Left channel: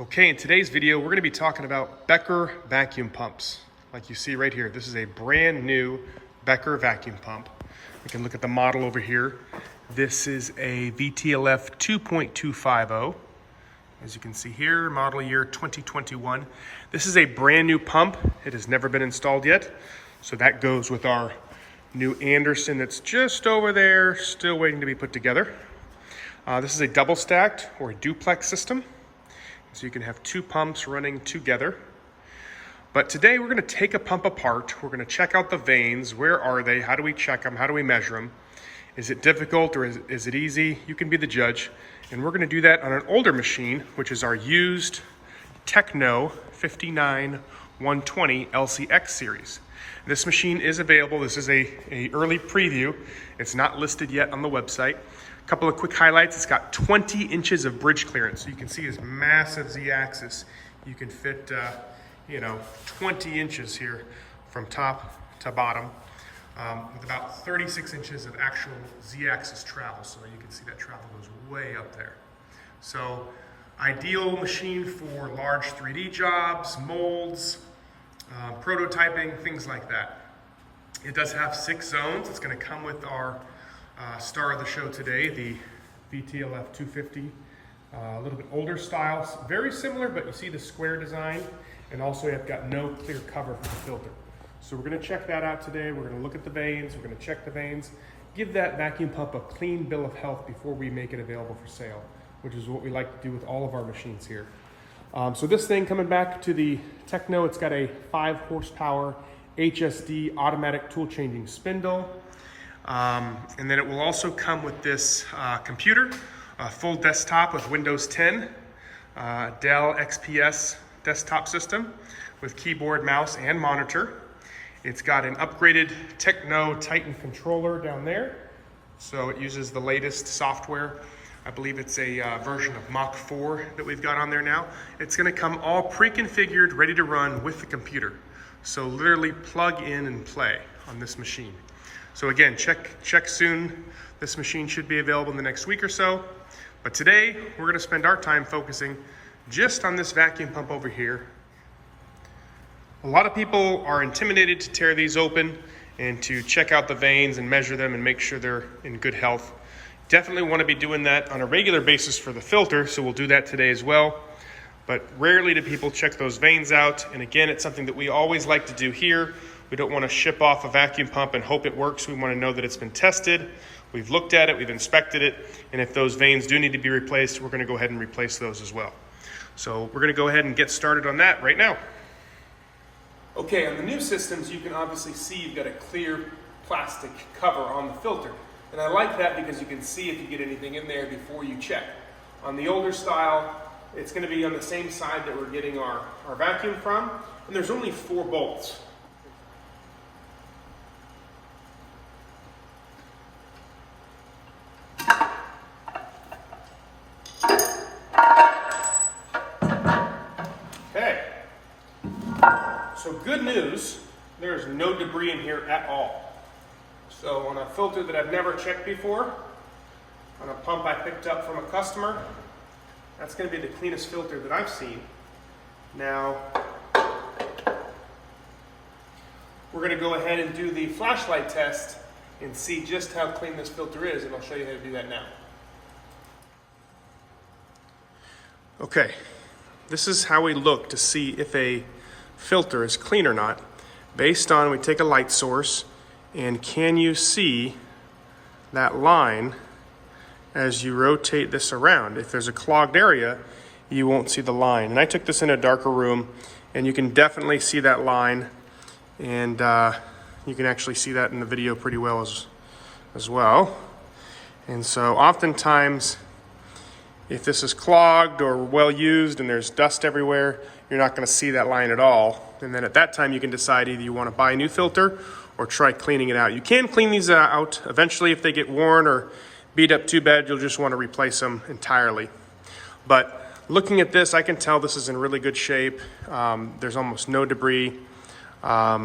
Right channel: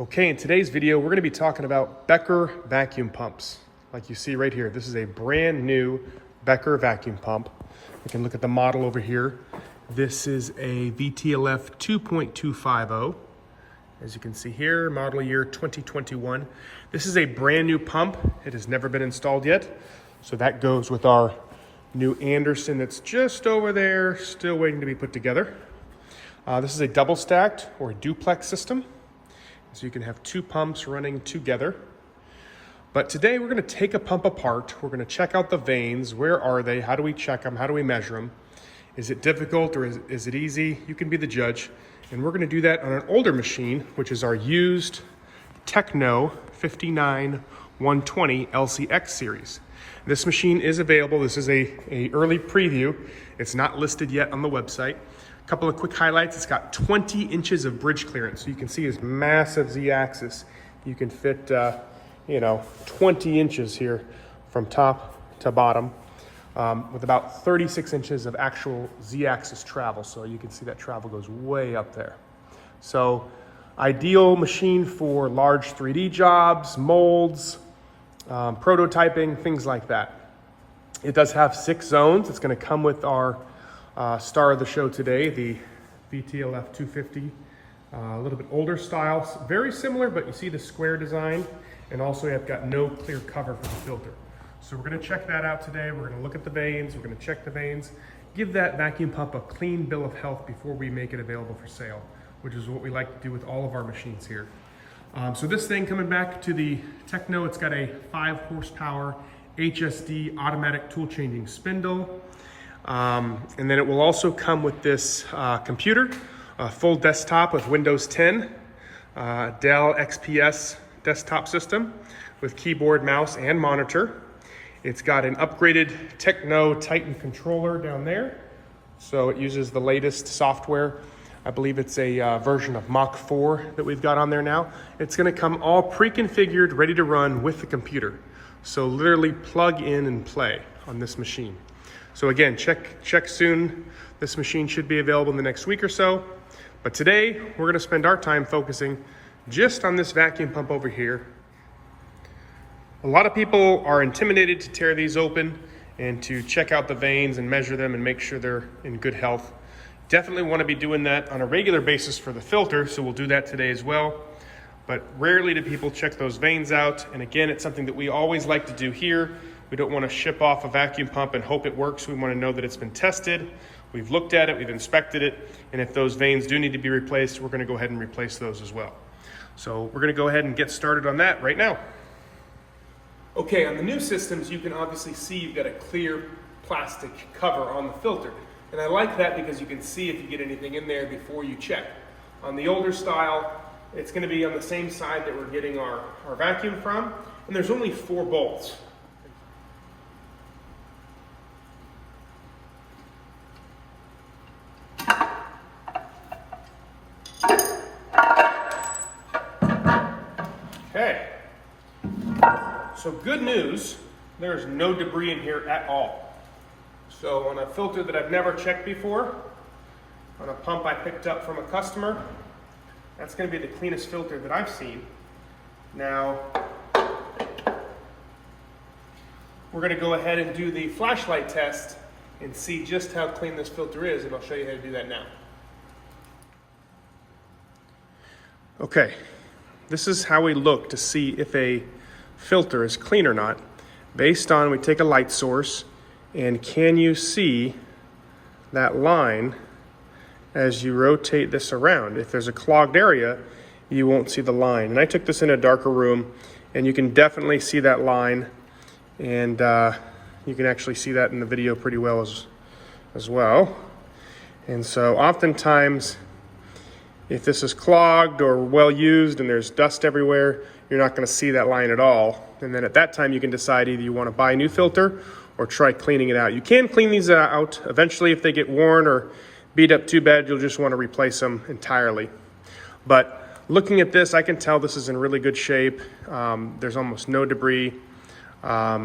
Okay, in today's video, we're going to be talking about Becker vacuum pumps. Like you see right here, this is a brand new Becker vacuum pump. We can look at the model over here. This is a VTLF 2.250. As you can see here, model year 2021. This is a brand new pump. It has never been installed yet. So that goes with our new Anderson that's just over there, still waiting to be put together. This is a double stacked or a duplex system. So you can have two pumps running together. But today we're going to take a pump apart. We're going to check out the vanes. Where are they? How do we check them? How do we measure them? Is it difficult or is it easy? You can be the judge. And we're going to do that on an older machine, which is our used Techno 59120 LCX series. This machine is available. This is a early preview. It's not listed yet on the website. A couple of quick highlights. It's got 20 inches of bridge clearance. So you can see this massive Z-axis. You can fit, 20 inches here from top to bottom with about 36 inches of actual Z-axis travel. So you can see that travel goes way up there. So ideal machine for large 3D jobs, molds, prototyping, things like that. It does have 6 zones. It's going to come with our star of the show today, the VTLF 2.250, a little bit older style, very similar, but you see the square design, and also you've got no clear cover for the filter. So we're going to check that out today. We're going to look at the vanes, we're going to check the vanes, give that vacuum pump a clean bill of health before we make it available for sale, which is what we like to do with all of our machines here. So this thing, coming back to the Techno, it's got a 5 horsepower HSD automatic tool changing spindle. And then it will also come with this computer, a full desktop with Windows 10, Dell XPS desktop system with keyboard, mouse, and monitor. It's got an upgraded Techno Titan controller down there. So it uses the latest software. I believe it's a version of Mach 4 that we've got on there now. It's going to come all pre-configured, ready to run with the computer. So literally plug in and play on this machine. So again, check soon. This machine should be available in the next week or so. But today, we're going to spend our time focusing just on this vacuum pump over here. A lot of people are intimidated to tear these open and to check out the vanes and measure them and make sure they're in good health. Definitely want to be doing that on a regular basis for the filter, so we'll do that today as well. But rarely do people check those vanes out. And again, it's something that we always like to do here. We don't want to ship off a vacuum pump and hope it works. We want to know that it's been tested. We've looked at it, we've inspected it, and if those vanes do need to be replaced, we're going to go ahead and replace those as well. So we're going to go ahead and get started on that right now. Okay, on the new systems, you can obviously see you've got a clear plastic cover on the filter. And I like that because you can see if you get anything in there before you check. On the older style, it's going to be on the same side that we're getting our vacuum from, and there's only 4 bolts. Okay, so good news, there's no debris in here at all. So on a filter that I've never checked before, on a pump I picked up from a customer, that's going to be the cleanest filter that I've seen. Now, we're going to go ahead and do the flashlight test and see just how clean this filter is, and I'll show you how to do that now. Okay, this is how we look to see if a filter is clean or not. Based on, we take a light source, and can you see that line as you rotate this around? If there's a clogged area, you won't see the line. And I took this in a darker room, and you can definitely see that line, and you can actually see that in the video pretty well as well. And so oftentimes, if this is clogged or well used and there's dust everywhere, you're not going to see that line at all. And then at that time, you can decide either you want to buy a new filter or try cleaning it out. You can clean these out. Eventually, if they get worn or beat up too bad, you'll just want to replace them entirely. But looking at this, I can tell this is in really good shape. There's almost no debris. I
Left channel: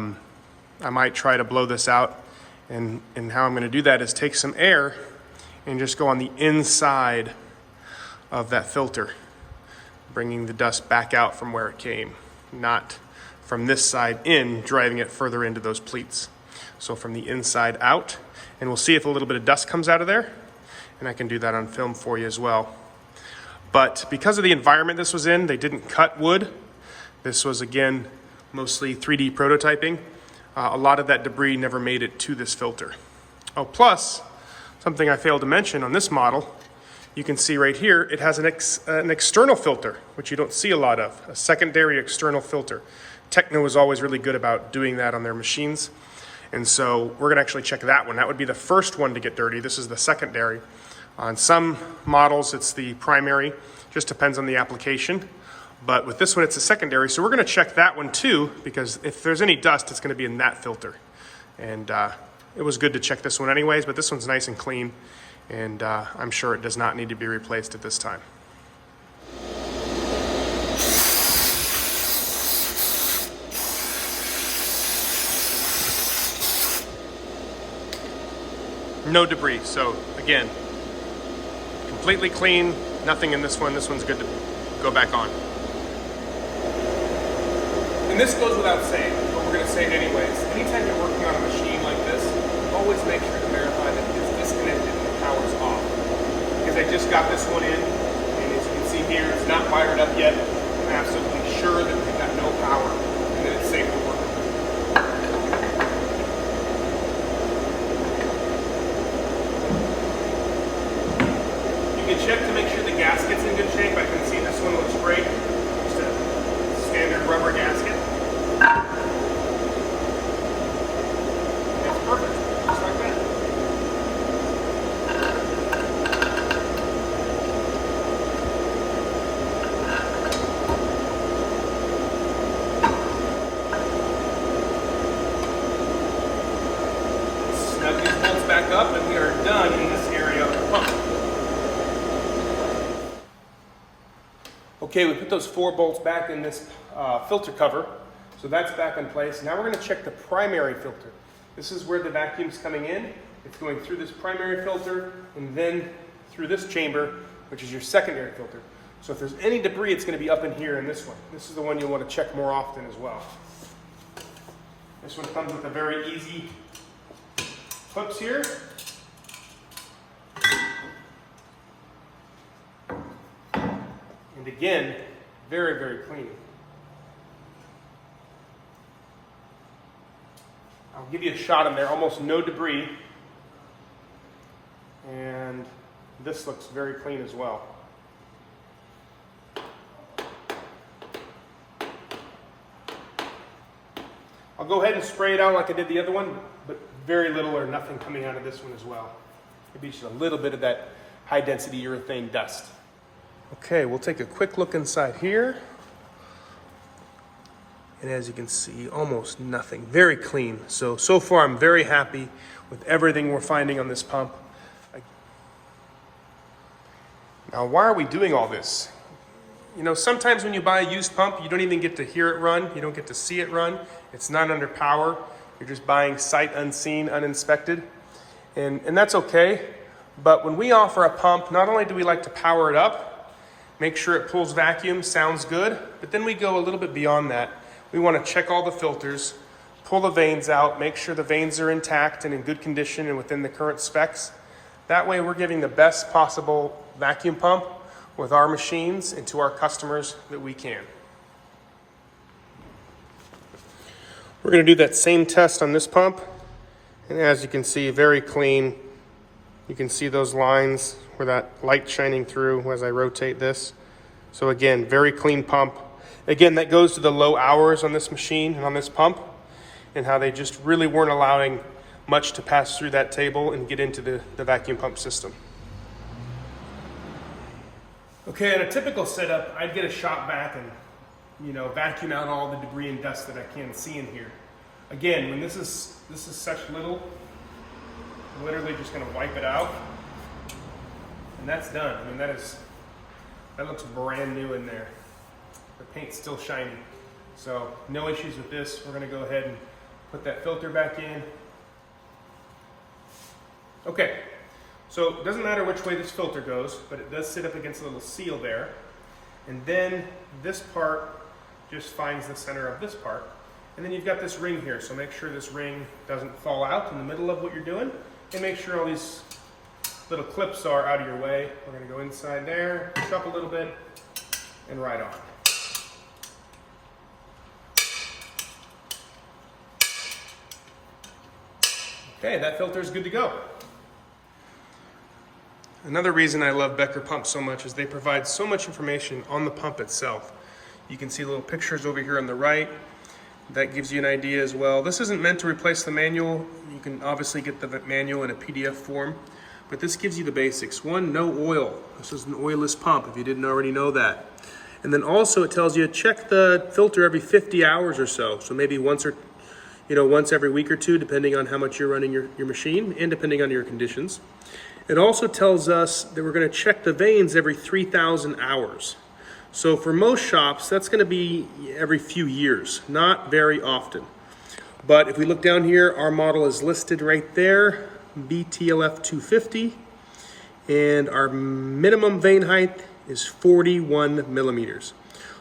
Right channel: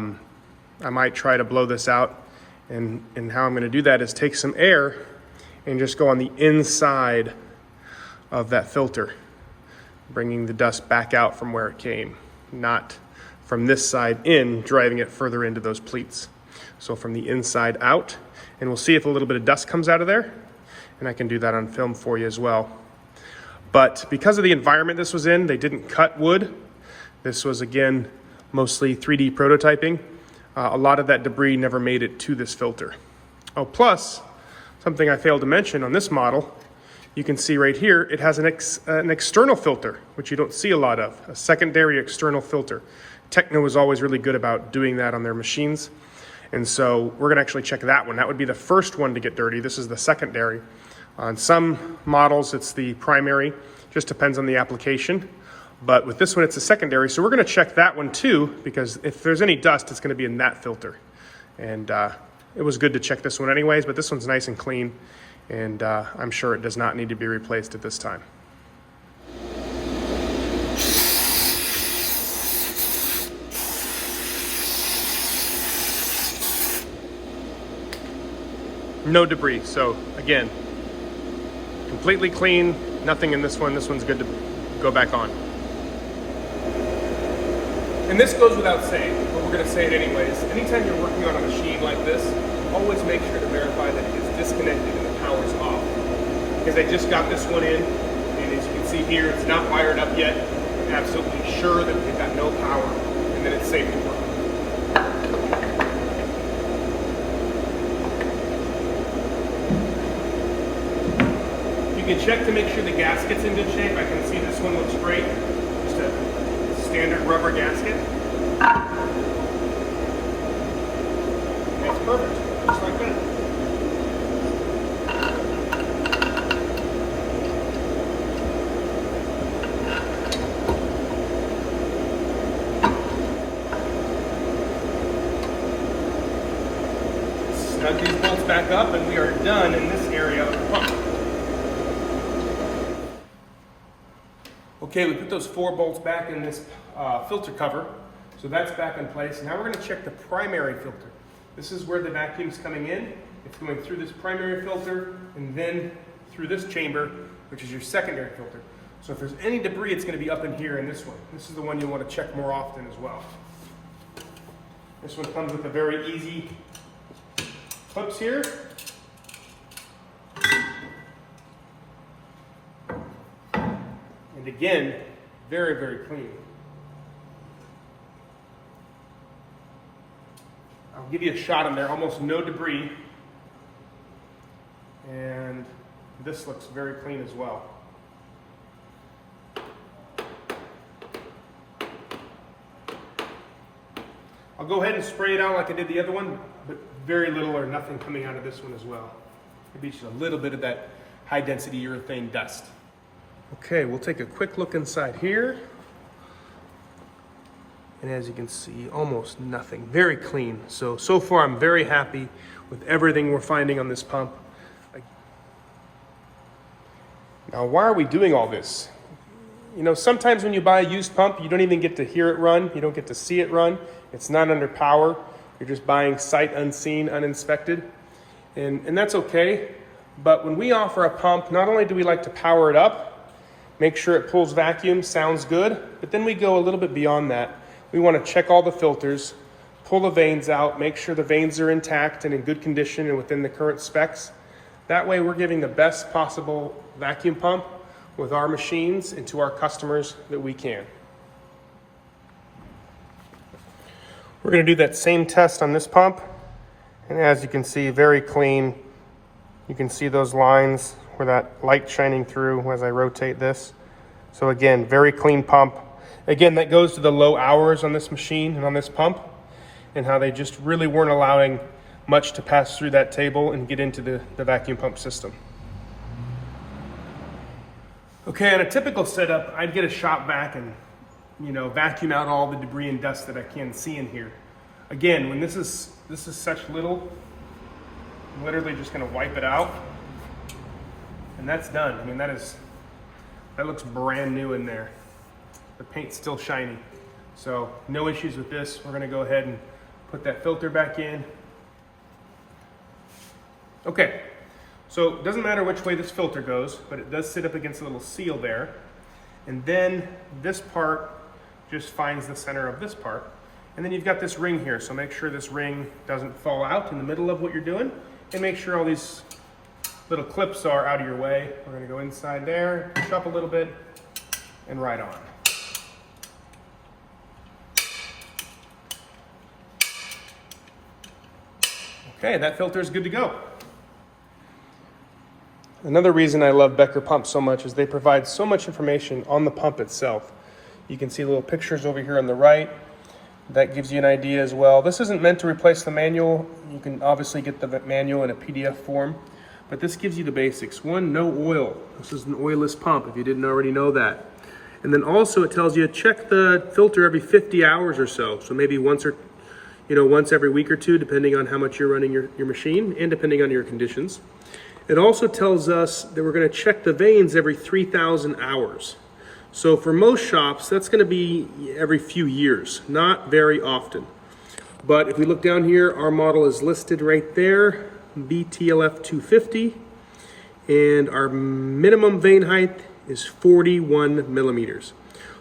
might try to blow this out. And how I'm going to do that is take some air and just go on the inside of that filter. bringing the dust back out from where it came, not from this side in, driving it further into those pleats. So from the inside out, and we'll see if a little bit of dust comes out of there, and I can do that on film for you as well. But because of the environment this was in, they didn't cut wood. This was, again, mostly 3D prototyping. A lot of that debris never made it to this filter. Oh, plus, something I failed to mention on this model, you can see right here, it has an external filter, which you don't see a lot of, a secondary external filter. Techno was always really good about doing that on their machines. And so we're gonna actually check that one. That would be the first one to get dirty. This is the secondary. On some models, it's the primary, just depends on the application. But with this one, it's a secondary. So we're gonna check that one too, because if there's any dust, it's gonna be in that filter. And it was good to check this one anyways, but this one's nice and clean. And I'm sure it does not need to be replaced at this time. No debris, so again, completely clean, nothing in this one. This one's good to go back on. And this goes without saying, but we're gonna say it anyways. Anytime you're working on a machine like this, always make sure to verify that it is disconnected and the power's off. Because I just got this one in, and as you can see here, it's not wired up yet. I'm absolutely sure that we've got no power and that it's safe to work. You can check to make sure the gasket's in good shape. I can see this one looks great. Just a standard rubber gasket. That's perfect, just like that. Snug these bolts back up and we are done in this area of the pump. Okay, we put those 4 bolts back in this filter cover, so that's back in place. Now we're going to check the primary filter. This is where the vacuum's coming in. It's going through this primary filter and then through this chamber, which is your secondary filter. So if there's any debris, it's going to be up in here in this one. This is the one you'll want to check more often as well. This one comes with a very easy clips here. And again, very, very clean. I'll give you a shot in there, almost no debris. And this looks very clean as well. I'll go ahead and spray it out like I did the other one, but very little or nothing coming out of this one as well. Maybe just a little bit of that high density urethane dust. Okay, we'll take a quick look inside here. And as you can see, almost nothing, very clean. So far I'm very happy with everything we're finding on this pump. Now, why are we doing all this? You know, sometimes when you buy a used pump, you don't even get to hear it run. You don't get to see it run. It's not under power. You're just buying sight unseen, uninspected. And that's okay. But when we offer a pump, not only do we like to power it up, make sure it pulls vacuum, sounds good, but then we go a little bit beyond that. We want to check all the filters, pull the vanes out, make sure the vanes are intact and in good condition and within the current specs. That way we're giving the best possible vacuum pump with our machines and to our customers that we can. We're going to do that same test on this pump, and as you can see, very clean. You can see those lines where that light shining through as I rotate this. So again, very clean pump. Again, that goes to the low hours on this machine and on this pump, and how they just really weren't allowing much to pass through that table and get into the vacuum pump system. Okay, in a typical setup, I'd get a shop vac and, you know, vacuum out all the debris and dust that I can see in here. Again, when this is such little, I'm literally just gonna wipe it out, and that's done. I mean, that looks brand new in there. The paint's still shiny. So no issues with this. We're gonna go ahead and put that filter back in. Okay, so it doesn't matter which way this filter goes, but it does sit up against a little seal there. And then this part just finds the center of this part. And then you've got this ring here, so make sure this ring doesn't fall out in the middle of what you're doing, and make sure all these little clips are out of your way. We're gonna go inside there, push up a little bit, and right on. Okay, that filter is good to go. Another reason I love Becker pumps so much is they provide so much information on the pump itself. You can see little pictures over here on the right. That gives you an idea as well. This isn't meant to replace the manual. You can obviously get the manual in a PDF form, but this gives you the basics. One, no oil. This is an oilless pump if you didn't already know that. And then also it tells you to check the filter every 50 hours or so. So maybe once every week or two, depending on how much you're running your machine and depending on your conditions. It also tells us that we're going to check the vanes every 3,000 hours. So for most shops, that's going to be every few years, not very often. But if we look down here, our model is listed right there, VTLF 2.250, and our minimum vane height is 41 millimeters.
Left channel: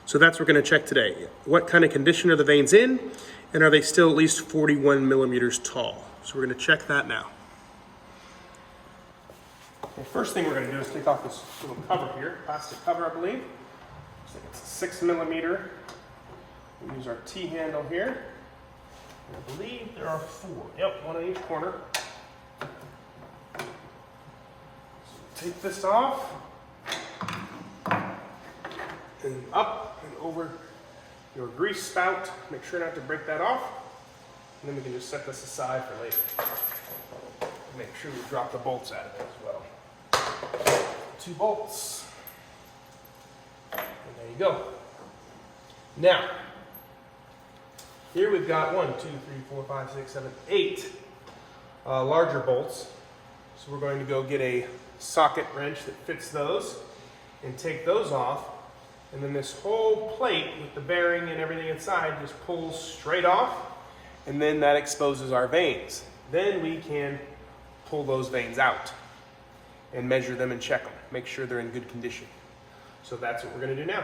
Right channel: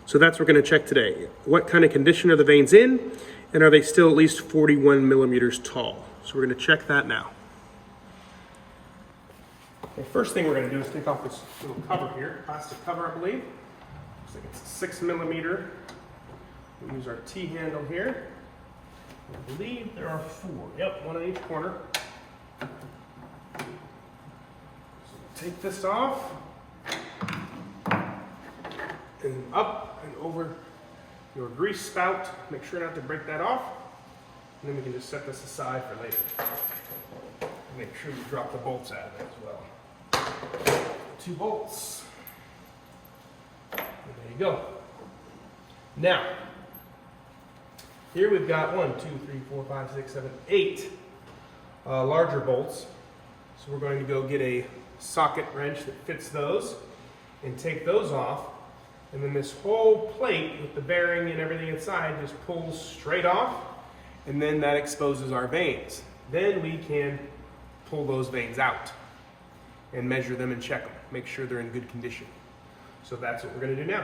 So that's what we're going to check today. What kind of condition are the vanes in, and are they still at least 41 millimeters tall? So we're going to check that now. The first thing we're going to do is take off this little cover here, plastic cover, I believe. It's a 6 millimeter. We'll use our T-handle here. I believe there are 4. Yep, one on each corner. So take this off. And up and over your grease spout. Make sure not to break that off. And then we can just set this aside for later. Make sure you drop the bolts out of it as well. 2 bolts. There you go. Now, here we've got 1, 2, 3, 4, 5, 6, 7, 8 larger bolts. So we're going to go get a socket wrench that fits those and take those off. And then this whole plate with the bearing and everything inside just pulls straight off. And then that exposes our vanes. Then we can pull those vanes out and measure them and check them. Make sure they're in good condition. So that's what we're going to do now.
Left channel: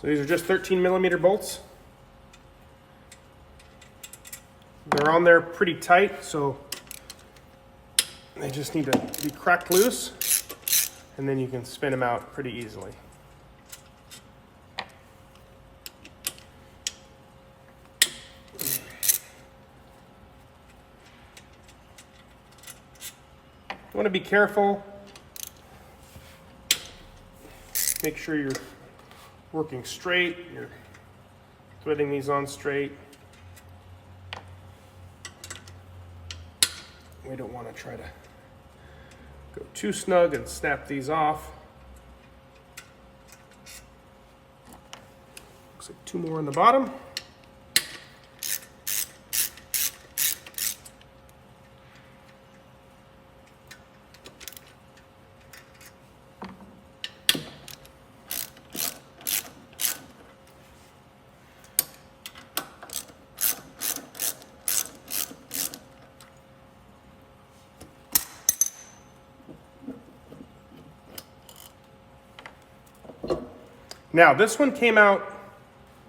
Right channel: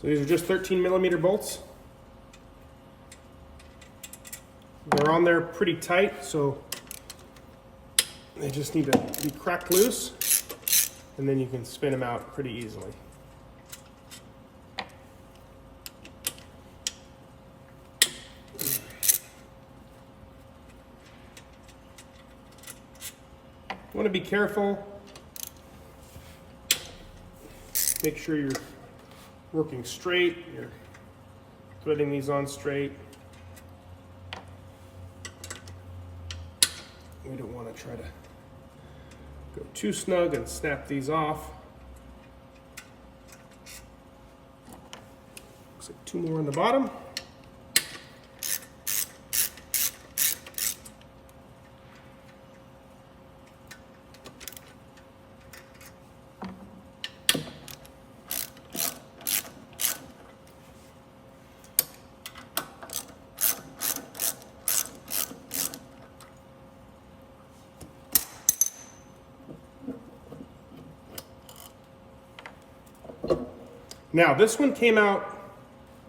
So these are just 13 millimeter bolts. They're on there pretty tight, so they just need to be cracked loose, and then you can spin them out pretty easily. You want to be careful. Make sure you're working straight, you're threading these on straight. We don't want to try to go too snug and snap these off. Looks like 2 more on the bottom. Now, this one came out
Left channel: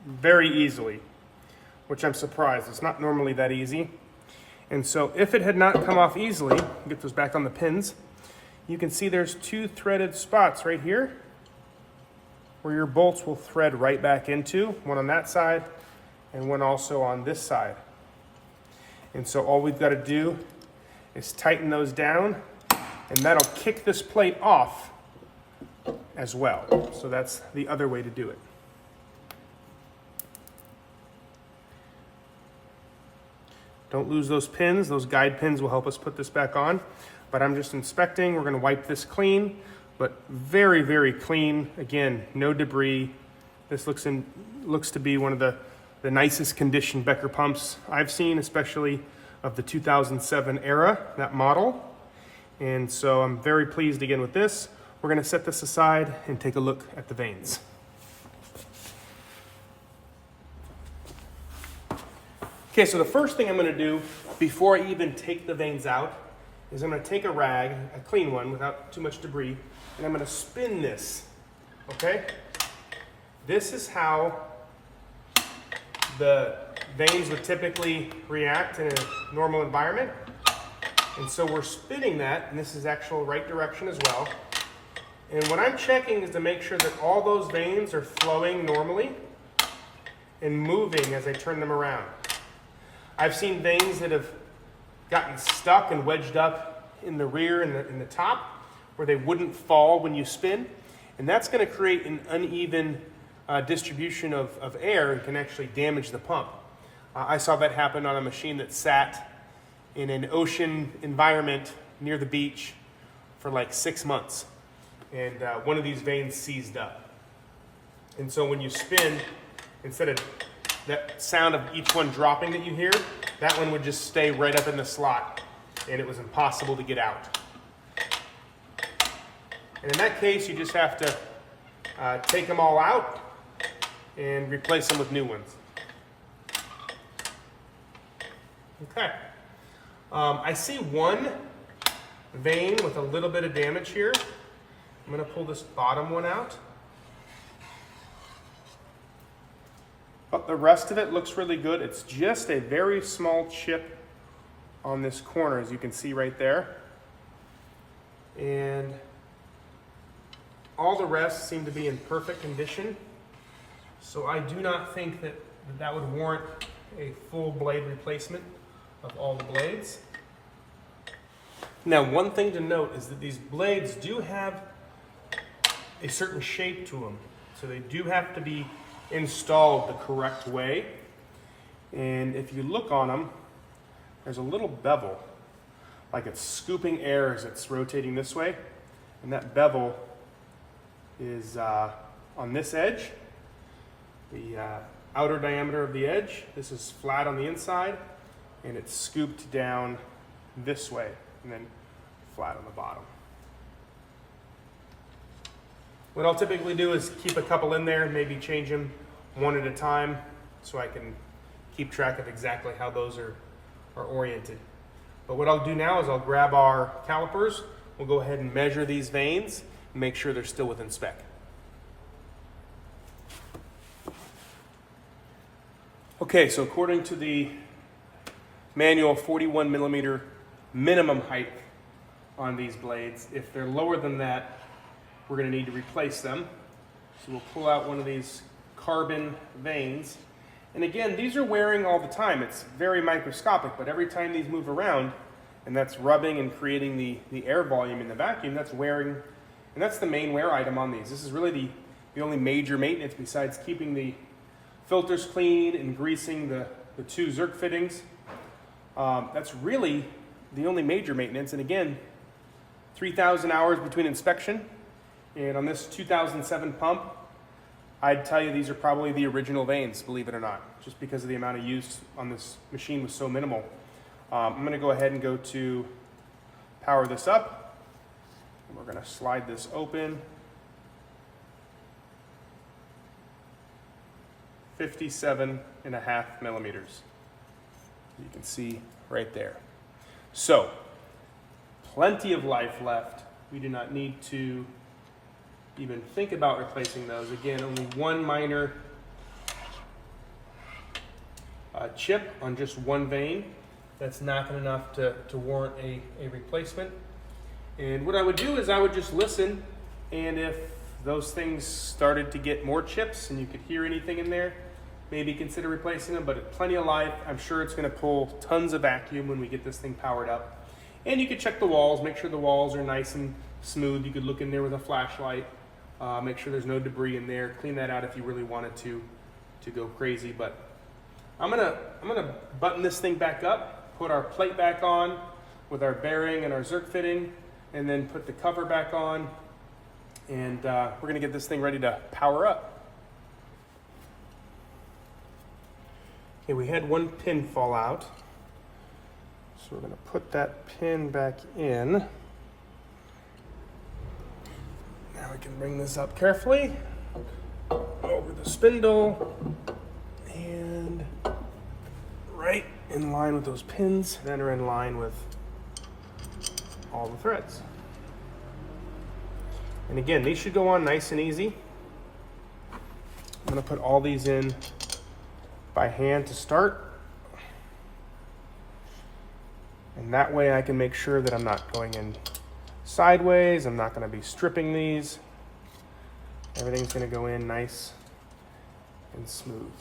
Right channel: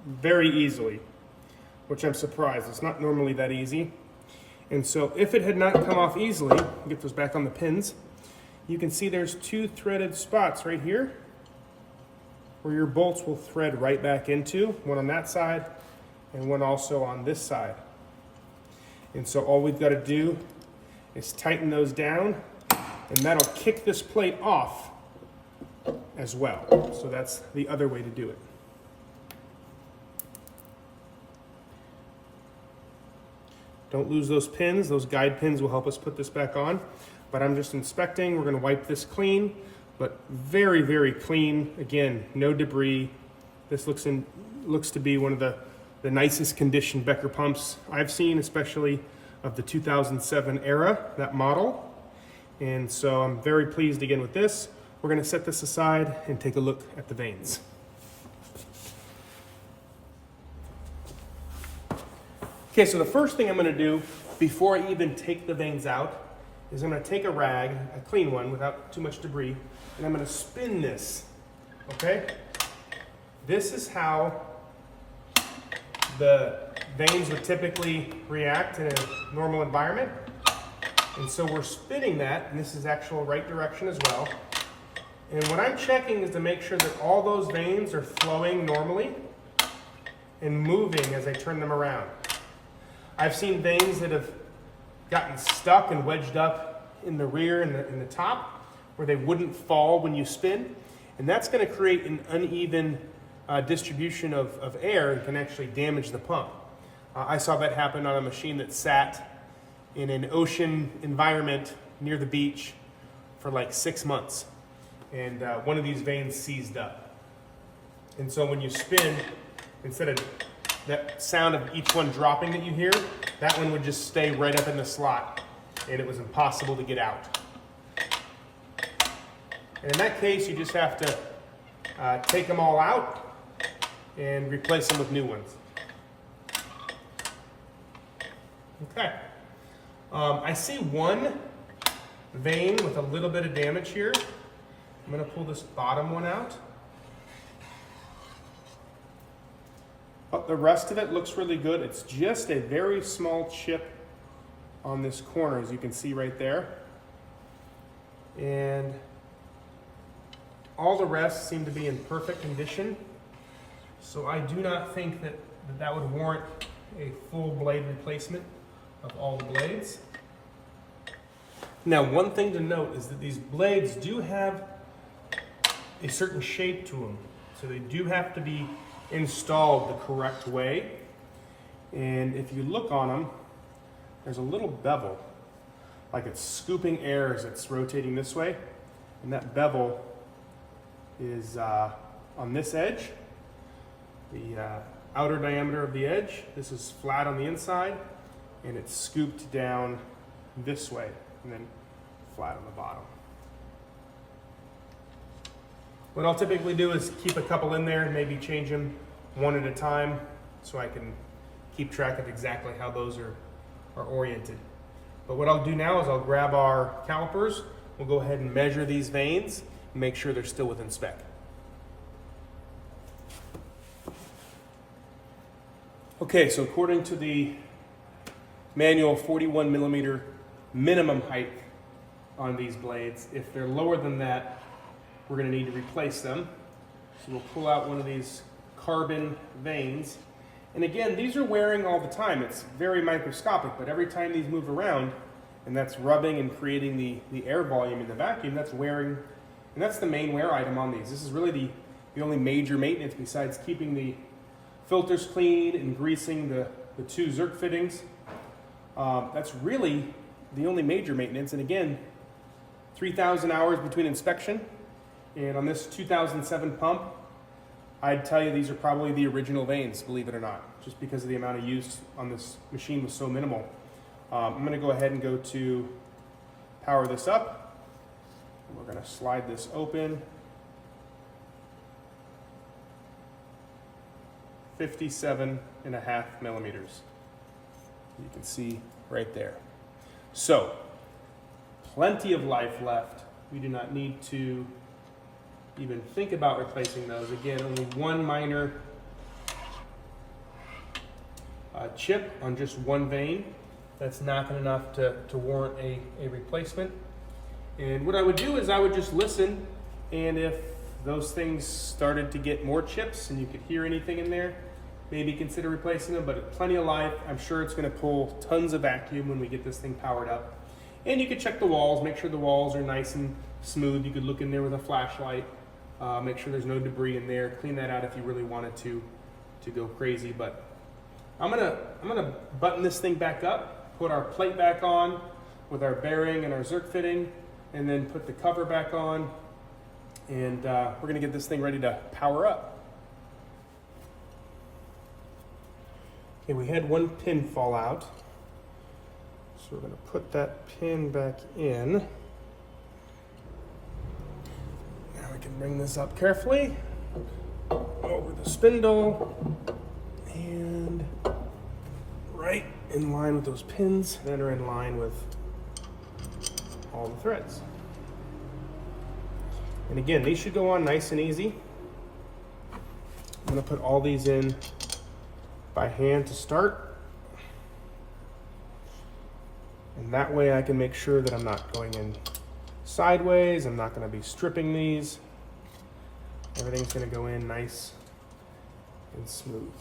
very easily, which I'm surprised. It's not normally that easy. And so if it had not come off easily, get those back on the pins, you can see there's 2 threaded spots right here where your bolts will thread right back into, one on that side and one also on this side. And so all we've got to do is tighten those down, and that'll kick this plate off as well. So that's the other way to do it. Don't lose those pins. Those guide pins will help us put this back on. But I'm just inspecting. We're going to wipe this clean, but very, very clean. Again, no debris. This looks to be one of the nicest conditioned Becker pumps I've seen, especially of the 2007 era, that model. And so I'm very pleased again with this. We're going to set this aside and take a look at the vanes. Okay, so the first thing I'm going to do before I even take the vanes out, is I'm gonna take a rag, a clean one without too much debris, and I'm gonna spin this, okay? This is how the vanes would typically react in a normal environment. And so we're spinning that, and this is actual right direction as well. And what I'm checking is to make sure that all those vanes are flowing normally and moving as I turn them around. I've seen vanes that have gotten stuck and wedged up in the rear and in the top where they wouldn't fall when you spin. And that's going to create an uneven distribution of air and can actually damage the pump. I saw that happen on a machine that sat in an ocean environment near the beach for like 6 months. And one of these vanes seized up. And so when you spin, instead of that sound of each one dropping that you hear, that one would just stay right up in the slot, and it was impossible to get out. And in that case, you just have to take them all out and replace them with new ones. Okay. I see one vane with a little bit of damage here. I'm going to pull this bottom one out. But the rest of it looks really good. It's just a very small chip on this corner, as you can see right there. And all the rest seem to be in perfect condition. So I do not think that would warrant a full blade replacement of all the blades. Now, one thing to note is that these blades do have a certain shape to them. So they do have to be installed the correct way. And if you look on them, there's a little bevel, like it's scooping air as it's rotating this way. And that bevel is on this edge, the outer diameter of the edge. This is flat on the inside, and it's scooped down this way, and then flat on the bottom. What I'll typically do is keep a couple in there and maybe change them one at a time so I can keep track of exactly how those are oriented. But what I'll do now is I'll grab our calipers, we'll go ahead and measure these vanes and make sure they're still within spec. Okay, so according to the manual 41 millimeter minimum height on these blades, if they're lower than that, we're going to need to replace them. So we'll pull out one of these carbon vanes. And again, these are wearing all the time. It's very microscopic, but every time these move around, and that's rubbing and creating the air volume in the vacuum, that's wearing, and that's the main wear item on these. This is really the only major maintenance besides keeping the filters clean and greasing the two Zerk fittings. That's really the only major maintenance. And again, 3,000 hours between inspection. And on this 2007 pump, I'd tell you these are probably the original vanes, believe it or not, just because of the amount of use on this machine was so minimal. I'm going to go ahead and go to power this up. We're going to slide this open. 57.5 millimeters. You can see right there. So, plenty of life left. We do not need to even think about replacing those. Again, only one minor chip on just one vane. That's not enough to warrant a replacement. And what I would do is I would just listen, and if those things started to get more chips and you could hear anything in there, maybe consider replacing them. But plenty of life. I'm sure it's going to pull tons of vacuum when we get this thing powered up. And you could check the walls, make sure the walls are nice and smooth. You could look in there with a flashlight, make sure there's no debris in there. Clean that out if you really wanted to go crazy. But I'm gonna button this thing back up, put our plate back on with our bearing and our Zerk fitting, and then put the cover back on. And we're gonna get this thing ready to power up. Okay, we had one pin fall out. So we're going to put that pin back in. Now we can bring this up carefully over the spindle and right in line with those pins, then are in line with all the threads. And again, these should go on nice and easy. I'm gonna put all these in by hand to start. And that way I can make sure that I'm not going in sideways. I'm not gonna be stripping these. Everything's gonna go in nice and smooth.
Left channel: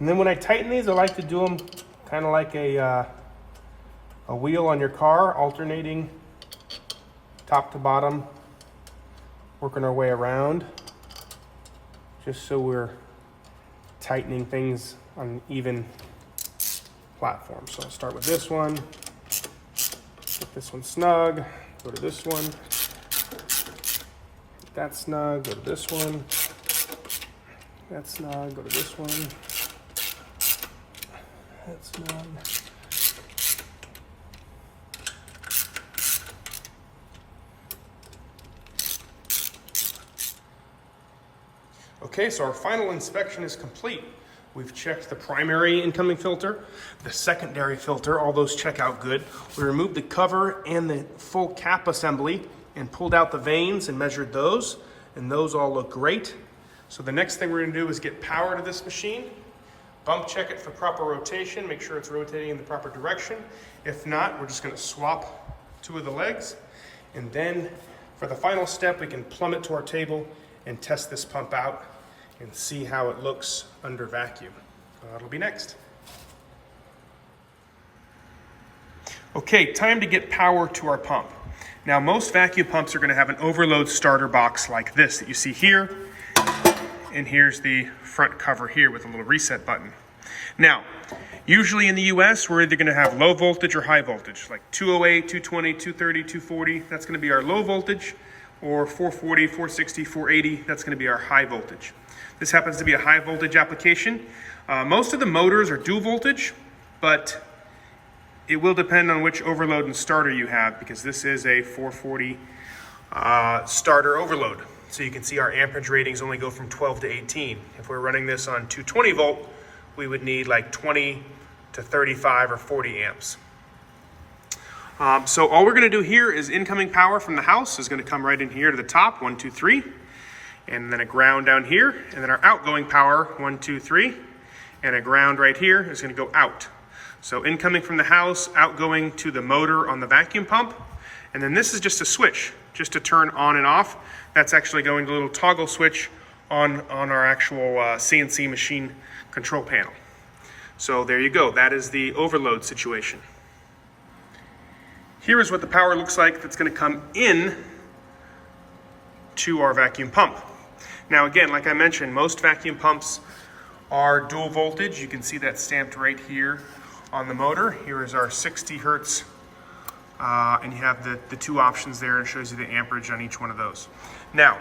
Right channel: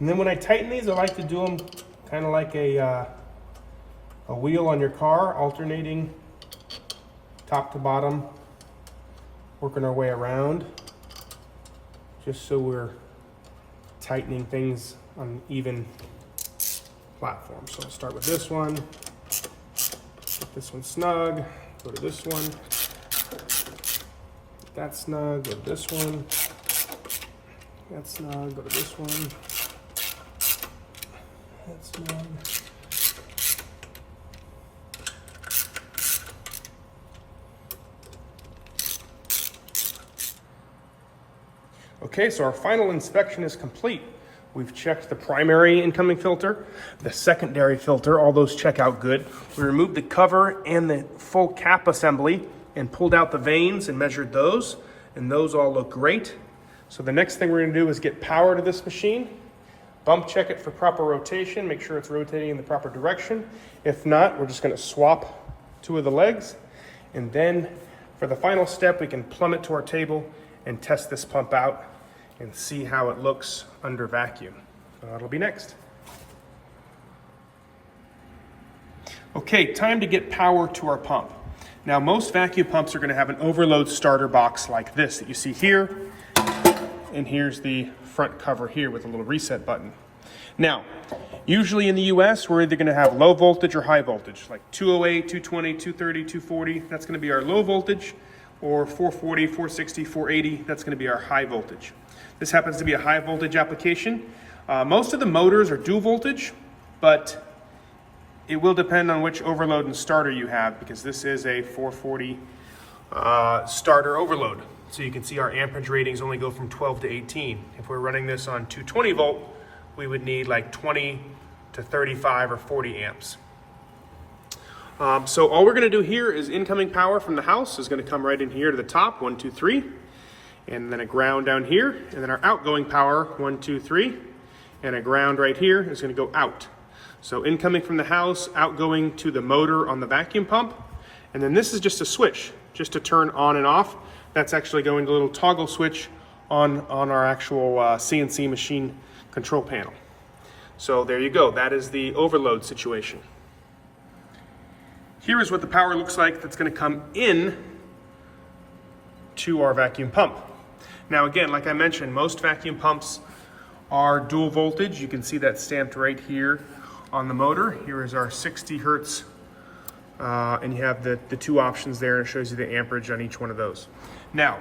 And then when I tighten these, I like to do them kind of like a wheel on your car, alternating top to bottom, working our way around, just so we're tightening things on an even platform. So I'll start with this one, get this one snug, go to this one, get that snug, go to this one, that snug, go to this one, that snug. Okay, so our final inspection is complete. We've checked the primary incoming filter, the secondary filter, all those check out good. We removed the cover and the full cap assembly and pulled out the vanes and measured those, and those all look great. So the next thing we're gonna do is get power to this machine, bump check it for proper rotation, make sure it's rotating in the proper direction. If not, we're just gonna swap 2 of the legs. And then for the final step, we can plumb it to our table and test this pump out and see how it looks under vacuum. That'll be next. Okay, time to get power to our pump. Now, most vacuum pumps are gonna have an overload starter box like this that you see here, and here's the front cover here with a little reset button. Now, usually in the US, we're either gonna have low voltage or high voltage, like 208, 220, 230, 240, that's gonna be our low voltage, or 440, 460, 480, that's gonna be our high voltage. This happens to be a high voltage application. Most of the motors are dual voltage, but it will depend on which overload and starter you have, because this is a 440 starter overload. So you can see our amperage ratings only go from 12 to 18. If we're running this on 220 volt, we would need like 20 to 35 or 40 amps. So all we're gonna do here is incoming power from the house is gonna come right in here to the top, 1, 2, 3, and then a ground down here, and then our outgoing power, 1, 2, 3, and a ground right here is gonna go out. So incoming from the house, outgoing to the motor on the vacuum pump, and then this is just a switch, just to turn on and off. That's actually going to a little toggle switch on our actual CNC machine control panel. So there you go, that is the overload situation. Here is what the power looks like that's gonna come in to our vacuum pump. Now again, like I mentioned, most vacuum pumps are dual voltage. You can see that stamped right here on the motor. Here is our 60 hertz, and you have the 2 options there, and it shows you the amperage on each one of those. Now,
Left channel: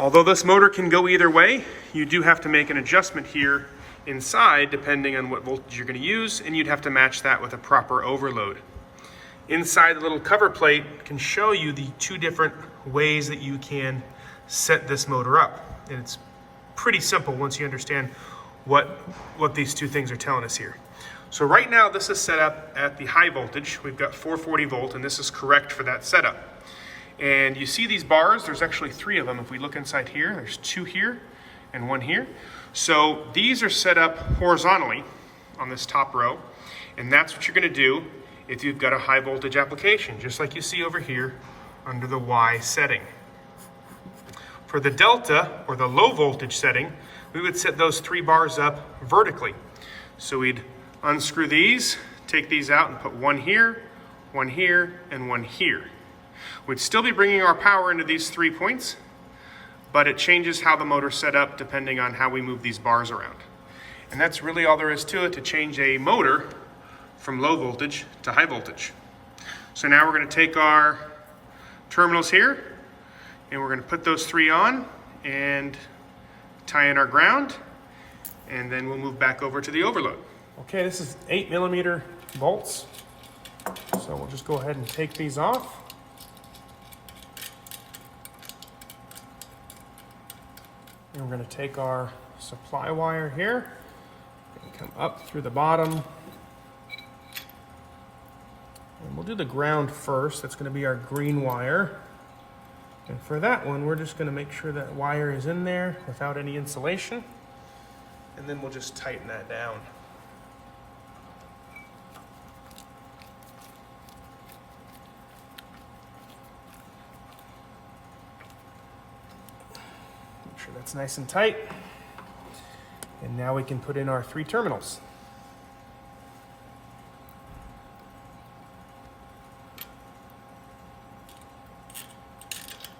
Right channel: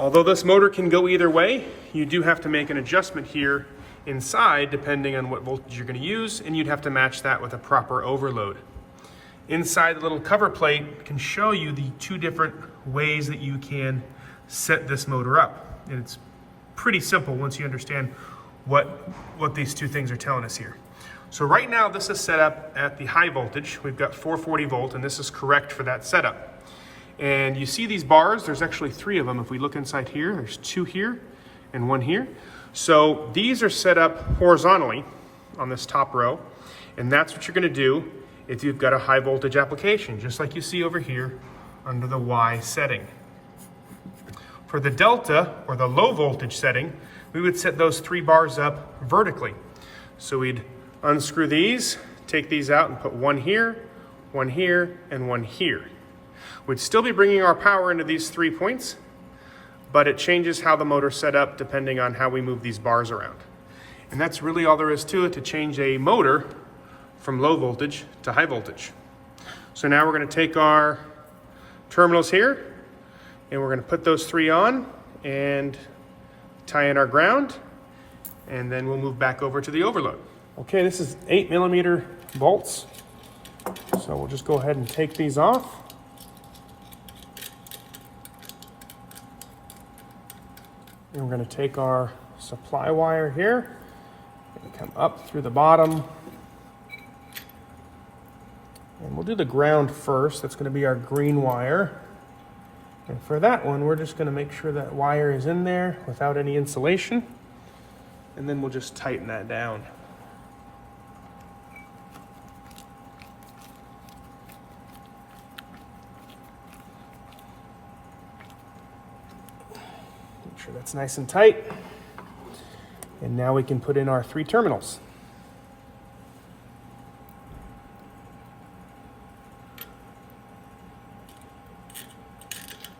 although this motor can go either way, you do have to make an adjustment here inside depending on what voltage you're gonna use, and you'd have to match that with a proper overload. Inside the little cover plate can show you the 2 different ways that you can set this motor up. And it's pretty simple once you understand what these 2 things are telling us here. So right now this is set up at the high voltage. We've got 440 volt, and this is correct for that setup. And you see these bars, there's actually 3 of them. If we look inside here, there's 2 here and 1 here. So these are set up horizontally on this top row, and that's what you're gonna do if you've got a high voltage application, just like you see over here under the Y setting. For the delta, or the low voltage setting, we would set those 3 bars up vertically. So we'd unscrew these, take these out and put 1 here, 1 here, and 1 here. We'd still be bringing our power into these 3 points, but it changes how the motor's set up depending on how we move these bars around. And that's really all there is to it to change a motor from low voltage to high voltage. So now we're gonna take our terminals here, and we're gonna put those 3 on and tie in our ground, and then we'll move back over to the overload. Okay, this is 8mm bolts. So we'll just go ahead and take these off. . And we're going to take our supply wire here and come up through the bottom. And we'll do the ground first. That's going to be our green wire. And for that one, we're just going to make sure that wire is in there without any insulation. And then we'll just tighten that down. Make sure that's nice and tight. And now we can put in our 3 terminals.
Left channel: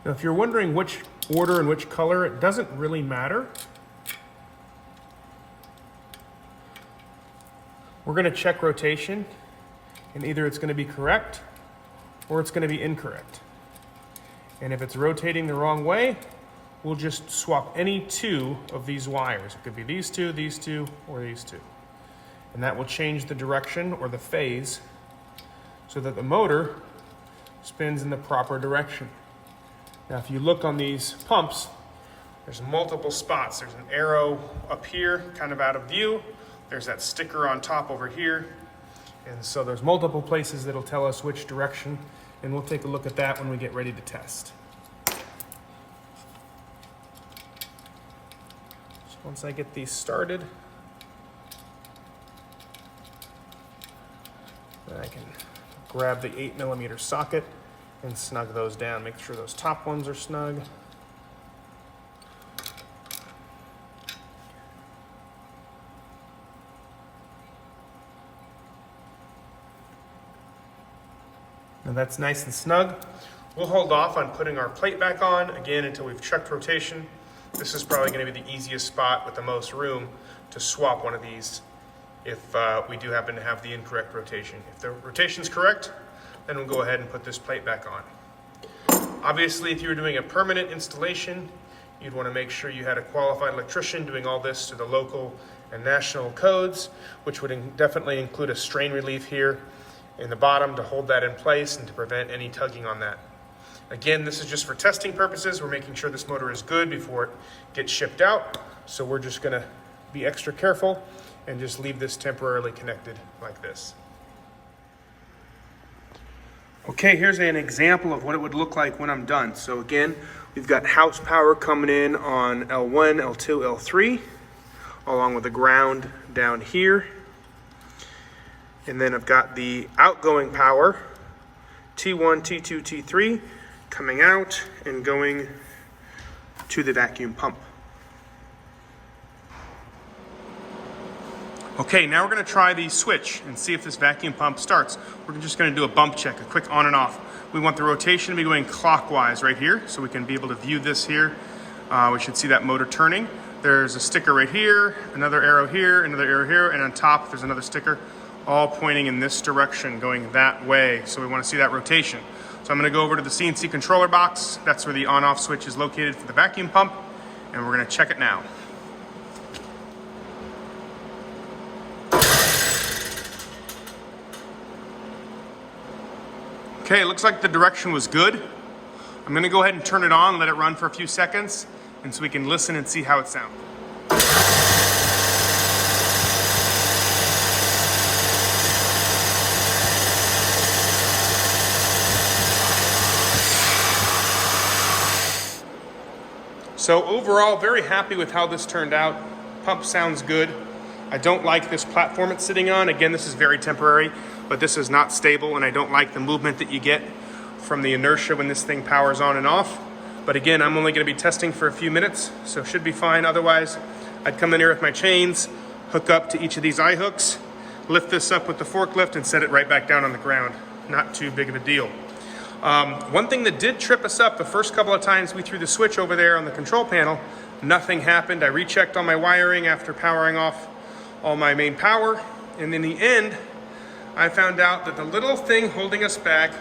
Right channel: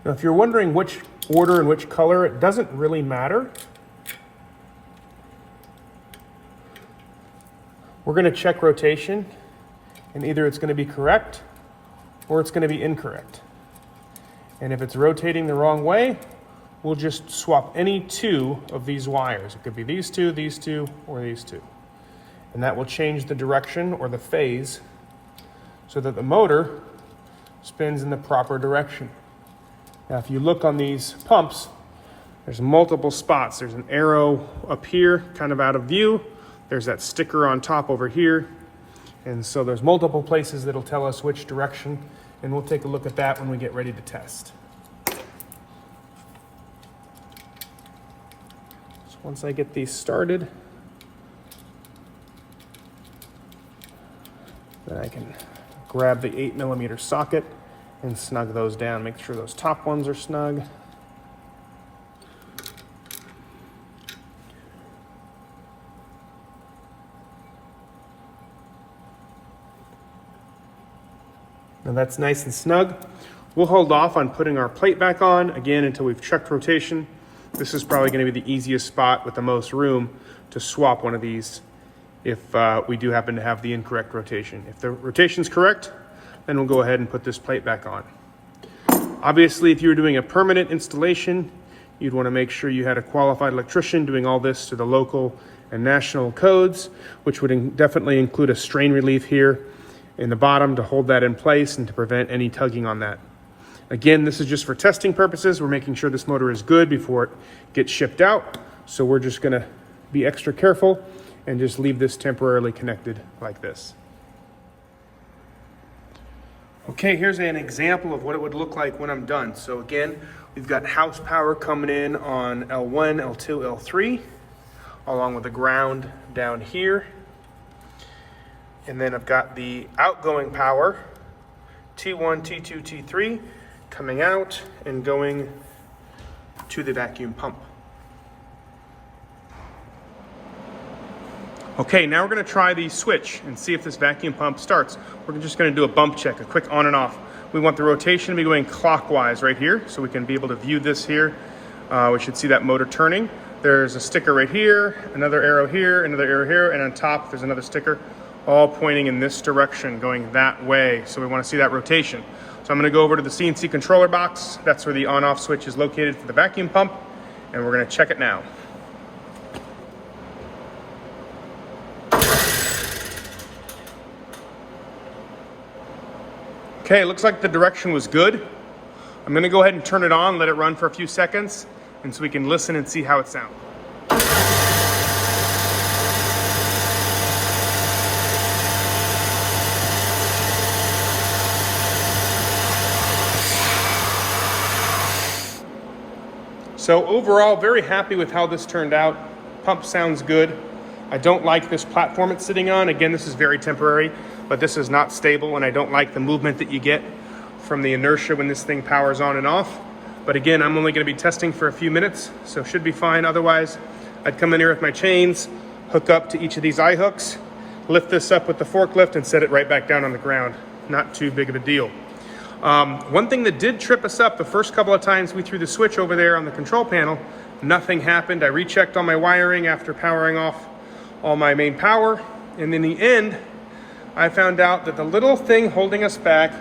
Now, if you're wondering which order and which color, it doesn't really matter. We're going to check rotation, and either it's going to be correct or it's going to be incorrect. And if it's rotating the wrong way, we'll just swap any 2 of these wires. It could be these 2, or these 2. And that will change the direction or the phase so that the motor spins in the proper direction. Now, if you look on these pumps, there's multiple spots. There's an arrow up here, kind of out of view. There's that sticker on top over here. And so there's multiple places that'll tell us which direction, and we'll take a look at that when we get ready to test. So once I get these started, then I can grab the 8mm socket and snug those down. Make sure those top ones are snug. Now that's nice and snug. We'll hold off on putting our plate back on, again, until we've checked rotation. This is probably going to be the easiest spot with the most room to swap one of these if we do happen to have the incorrect rotation. If the rotation's correct, then we'll go ahead and put this plate back on. Obviously, if you were doing a permanent installation, you'd want to make sure you had a qualified electrician doing all this to the local and national codes, which would definitely include a strain relief here in the bottom to hold that in place and to prevent any tugging on that. Again, this is just for testing purposes. We're making sure this motor is good before it gets shipped out. So we're just going to be extra careful and just leave this temporarily connected like this. Okay, here's an example of what it would look like when I'm done. So again, we've got house power coming in on L1, L2, L3, along with the ground down here. And then I've got the outgoing power, T1, T2, T3, coming out and going to the vacuum pump. Okay, now we're going to try the switch and see if this vacuum pump starts. We're just going to do a bump check, a quick on and off. We want the rotation to be going clockwise right here, so we can be able to view this here. We should see that motor turning. There's a sticker right here, another arrow here, and on top there's another sticker, all pointing in this direction, going that way. So we want to see that rotation. So I'm going to go over to the CNC controller box. That's where the on-off switch is located for the vacuum pump, and we're going to check it now. Okay, it looks like the direction was good. I'm going to go ahead and turn it on, let it run for a few seconds, and so we can listen and see how it sounds. So overall, very happy with how this turned out. Pump sounds good. I don't like this platform it's sitting on. Again, this is very temporary, but this is not stable, and I don't like the movement that you get from the inertia when this thing powers on and off. But again, I'm only going to be testing for a few minutes, so it should be fine. Otherwise, I'd come in here with my chains, hook up to each of these eye hooks, lift this up with the forklift, and set it right back down on the ground. Not too big of a deal. One thing that did trip us up the first couple of times we threw the switch over there on the control panel, nothing happened. I rechecked all my wiring after powering off all my main power, and in the end, I found out that the little thing holding us back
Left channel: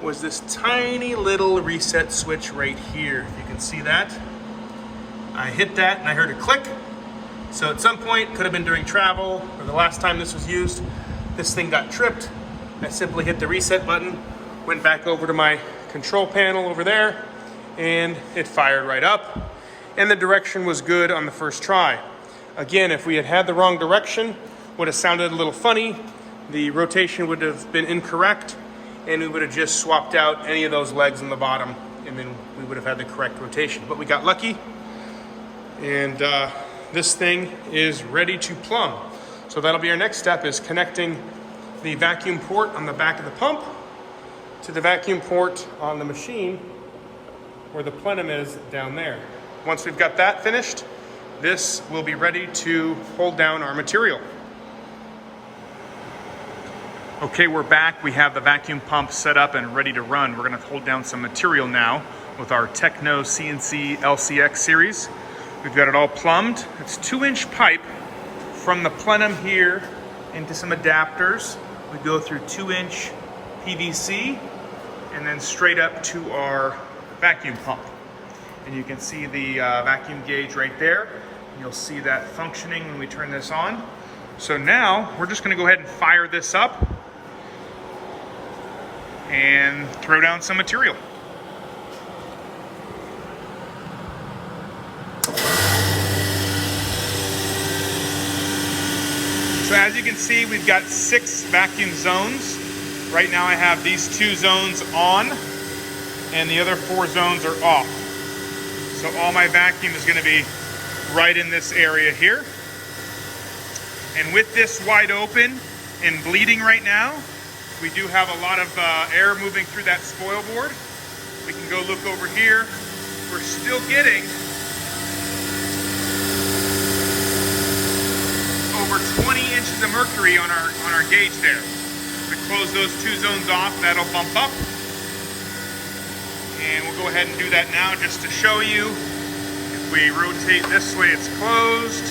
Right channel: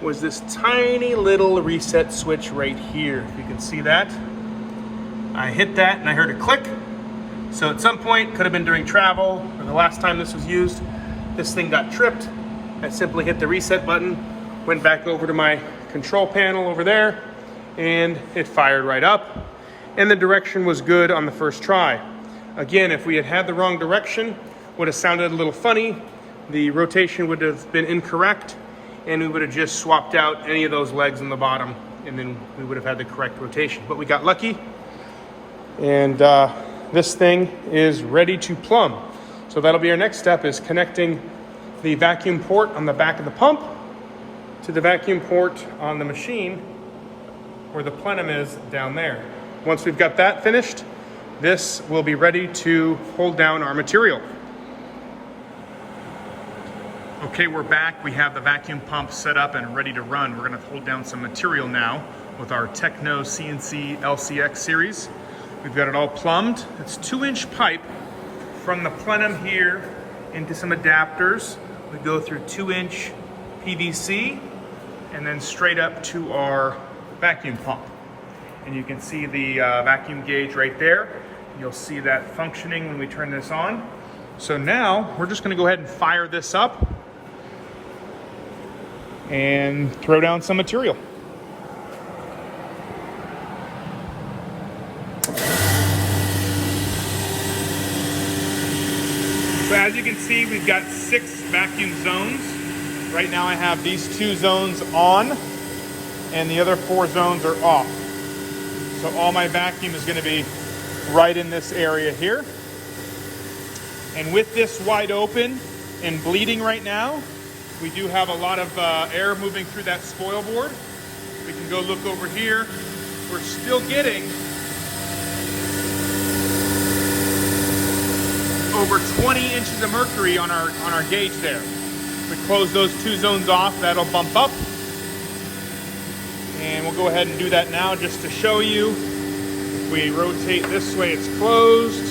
was this tiny little reset switch right here. If you can see that. I hit that and I heard a click. So at some point, could have been during travel or the last time this was used, this thing got tripped. I simply hit the reset button, went back over to my control panel over there, and it fired right up. and the direction was good on the first try. Again, if we had had the wrong direction, would have sounded a little funny, the rotation would have been incorrect, and we would have just swapped out any of those legs on the bottom, and then we would have had the correct rotation. But we got lucky, and this thing is ready to plumb. So that'll be our next step, is connecting the vacuum port on the back of the pump to the vacuum port on the machine where the plenum is down there. Once we've got that finished, this will be ready to hold down our material. Okay, we're back. We have the vacuum pump set up and ready to run. We're gonna hold down some material now with our Techno CNC LCX series. We've got it all plumbed. It's 2-inch pipe from the plenum here into some adapters. We go through 2-inch PVC and then straight up to our vacuum pump. And you can see the vacuum gauge right there. You'll see that functioning when we turn this on. So now we're just gonna go ahead and fire this up and throw down some material. So as you can see, we've got 6 vacuum zones. Right now I have these 2 zones on and the other 4 zones are off. So all my vacuum is going to be right in this area here. And with this wide open and bleeding right now, we do have a lot of air moving through that spoil board. We can go look over here. We're still getting over 20 inches of mercury on our gauge there. If we close those 2 zones off, that'll bump up. And we'll go ahead and do that now just to show you. If we rotate this way, it's closed.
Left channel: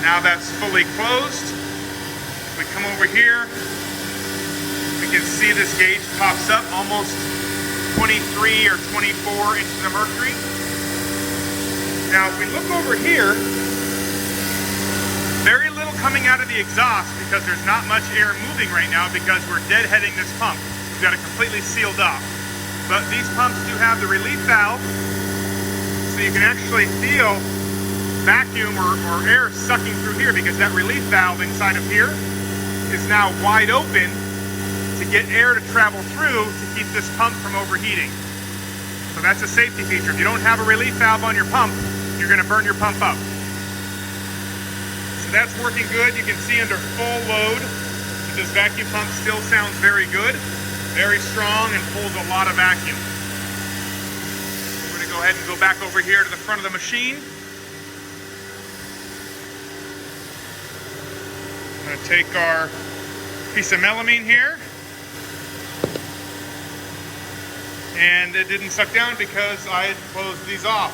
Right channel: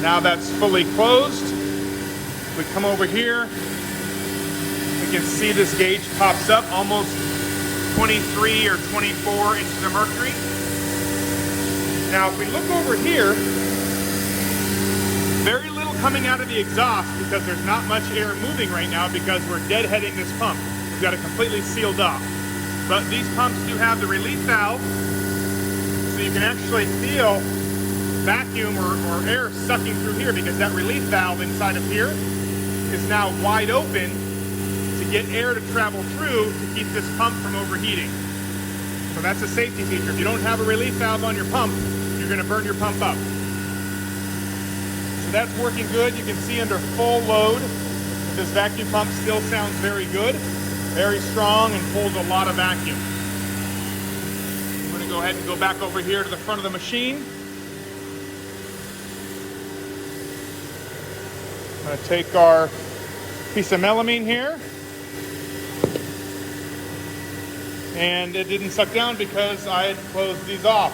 Now that's fully closed. If we come over here, we can see this gauge pops up almost 23 or 24 inches of mercury. Now, if we look over here, very little coming out of the exhaust because there's not much air moving right now because we're deadheading this pump. We've got it completely sealed off. But these pumps do have the relief valve, so you can actually feel vacuum or air sucking through here because that relief valve inside of here is now wide open to get air to travel through to keep this pump from overheating. So that's a safety feature. If you don't have a relief valve on your pump, you're going to burn your pump up. So that's working good. You can see under full load that this vacuum pump still sounds very good, very strong, and pulls a lot of vacuum. We're going to go ahead and go back over here to the front of the machine. I'm going to take our piece of melamine here. And it didn't suck down because I had closed these off.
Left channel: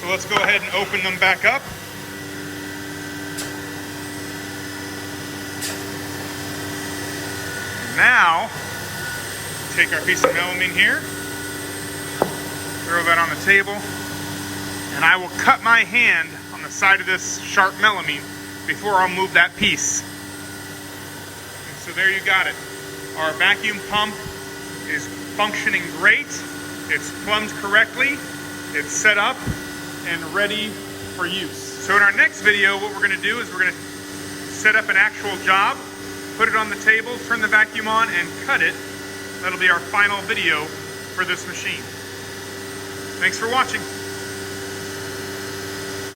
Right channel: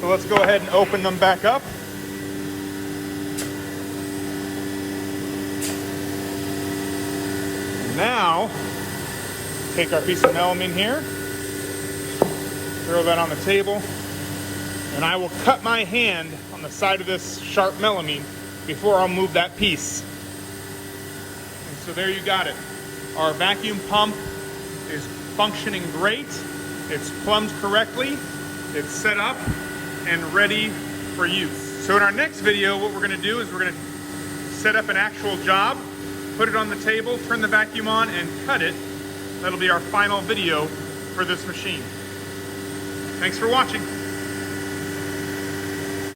So let's go ahead and open them back up. Now, take our piece of melamine here, throw that on the table, and I will cut my hand on the side of this sharp melamine before I'll move that piece. And so there you got it. Our vacuum pump is functioning great. It's plumbed correctly. It's set up and ready for use. So in our next video, what we're going to do is we're going to set up an actual job, put it on the table, turn the vacuum on, and cut it. That'll be our final video for this machine. Thanks for watching.